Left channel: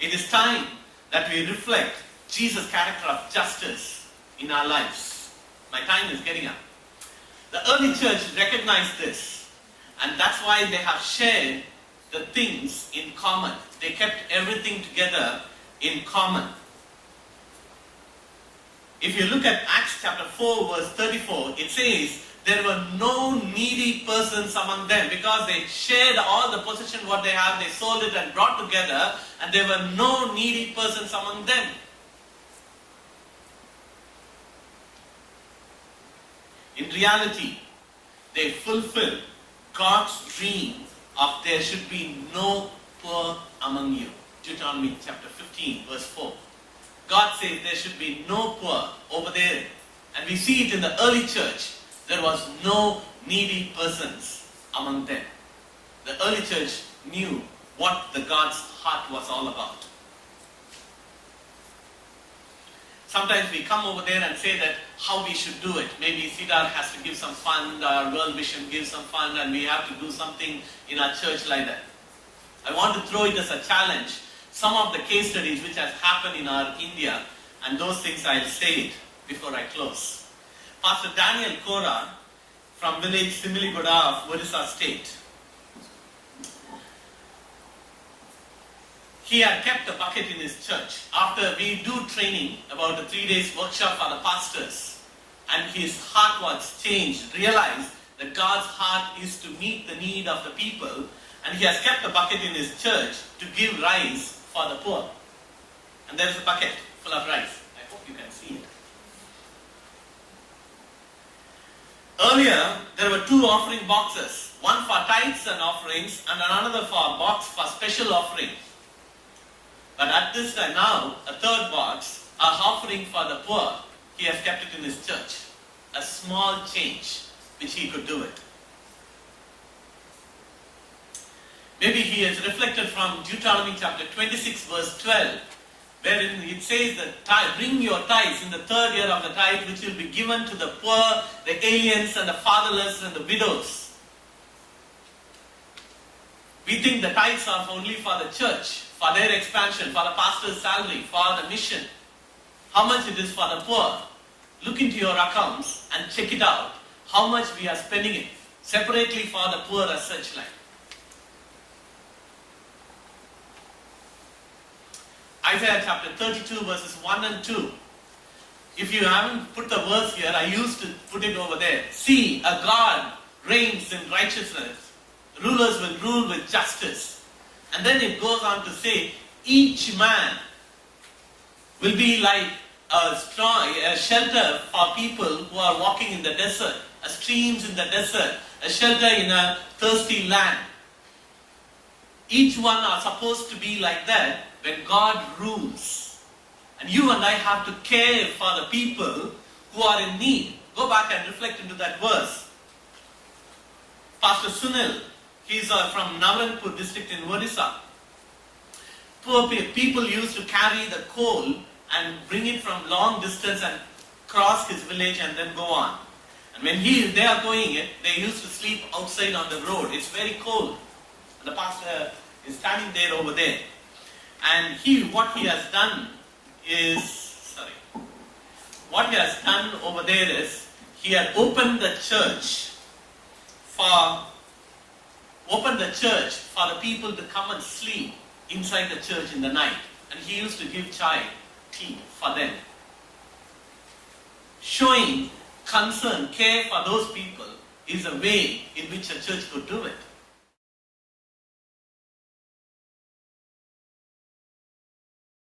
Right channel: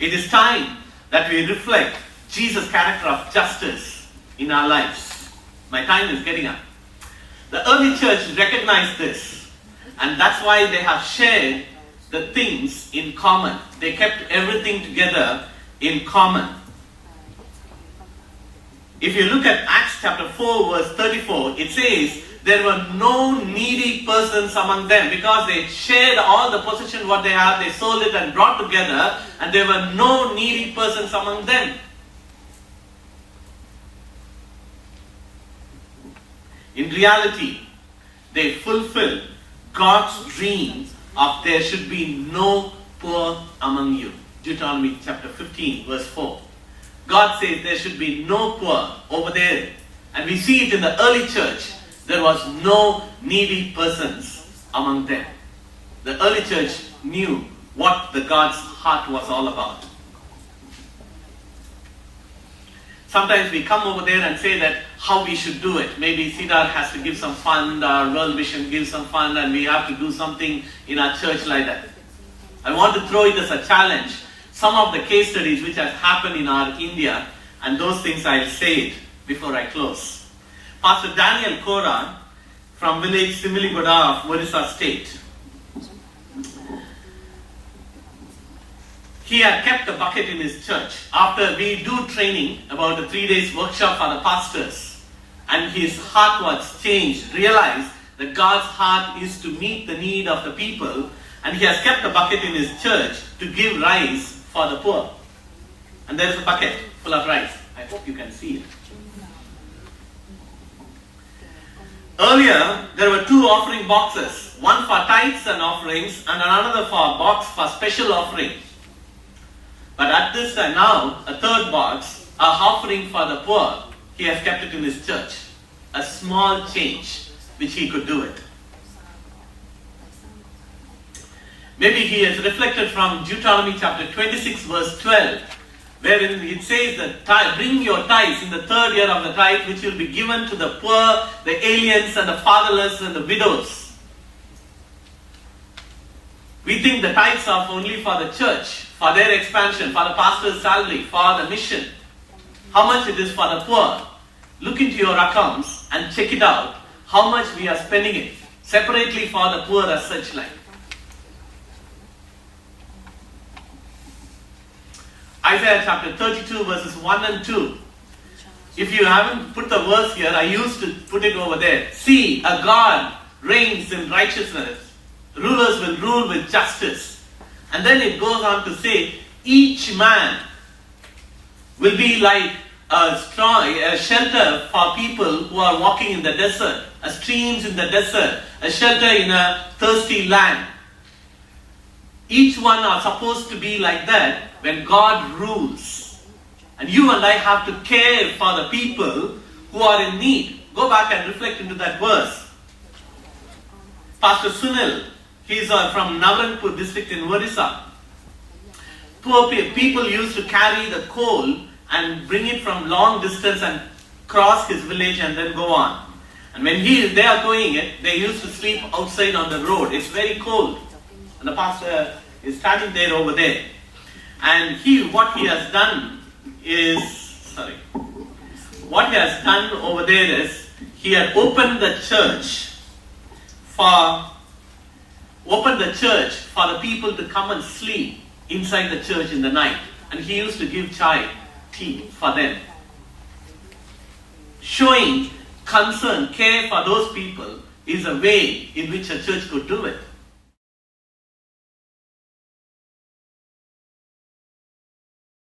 It is time that we reflect Jesus' character of justice in our lives. My time is getting up. The early church recognized this, and that's why they have shared the things in common. They kept everything together in common. If you look at Acts chapter 4 verse 34, it says, there were no needy persons among them, because they shared all the possession what they have, they sold it and brought together, and there were no needy persons among them. In reality, they fulfilled God's dream of there should be no poor among you. Deuteronomy chapter 15 verse 4. God says there should be no poor over there. And we see it in the early church. There was no needy persons among them. The early church knew what the God's heart was all about. Sometimes we come over there and say that how we should do it. Maybe Cedar has to give some fund, or World Vision gives some fund, and we have to do something in our church like that. I want to throw it as a challenge. Some of the case studies which has happened in our India, and those things I'll say it before I close. Pastor Daniel Kora from village Similigoda of Orissa state. He had kept a bucket in his church. After we do training, about a 3 days workshop for the pastors, and his heart was changed, realized that God's heart is to meet the need of the people, and he has kept a bucket in his church to give rice for the poor. And there is a bucket full of rice. I hope you can see it. Earlier, there were 2 offering boxes, one for tithes and offerings, and another for a box for special offering. But at this time now, a 3rd box, a offering for the poor, he has kept it in his church. A small change, which he could do it. Maybe he has reflected from Deuteronomy chapter 26 verse 12, wherein it says that bring your tithes in the 3rd year of the tithe, which will be given to the poor, the aliens, and the fatherless, and the widows. We think the tithes are only for the church, for their expansion, for the pastor's salary, for the mission. How much it is for the poor? Look into your accounts and check it out, how much we are spending it, separately for the poor as such like. Isaiah chapter 32 verses 1 and 2. If you haven't put the verse here, I used to put it over there. See, a God reigns in righteousness. Rulers will rule with justice. And then it goes on to say, each man will be like a shelter for people who are walking in the desert, a streams in the desert, a shelter in a thirsty land. Each one are supposed to be like that when God rules. And you and I have to care for the people who are in need. Go back and reflect into that verse. Pastor Sunil, he is from Navaranpur district in Orissa. Poor people used to carry the coal and bring it from long distance and cross his village and then go on. And when they are going it, they used to sleep outside on the road. It's very cold. And the pastor is standing there over there. And what he has done over there is, he had opened the church for the people to come and sleep inside the church in the night. And he used to give tea for them. Showing concern, care for those people is a way in which a church could do it.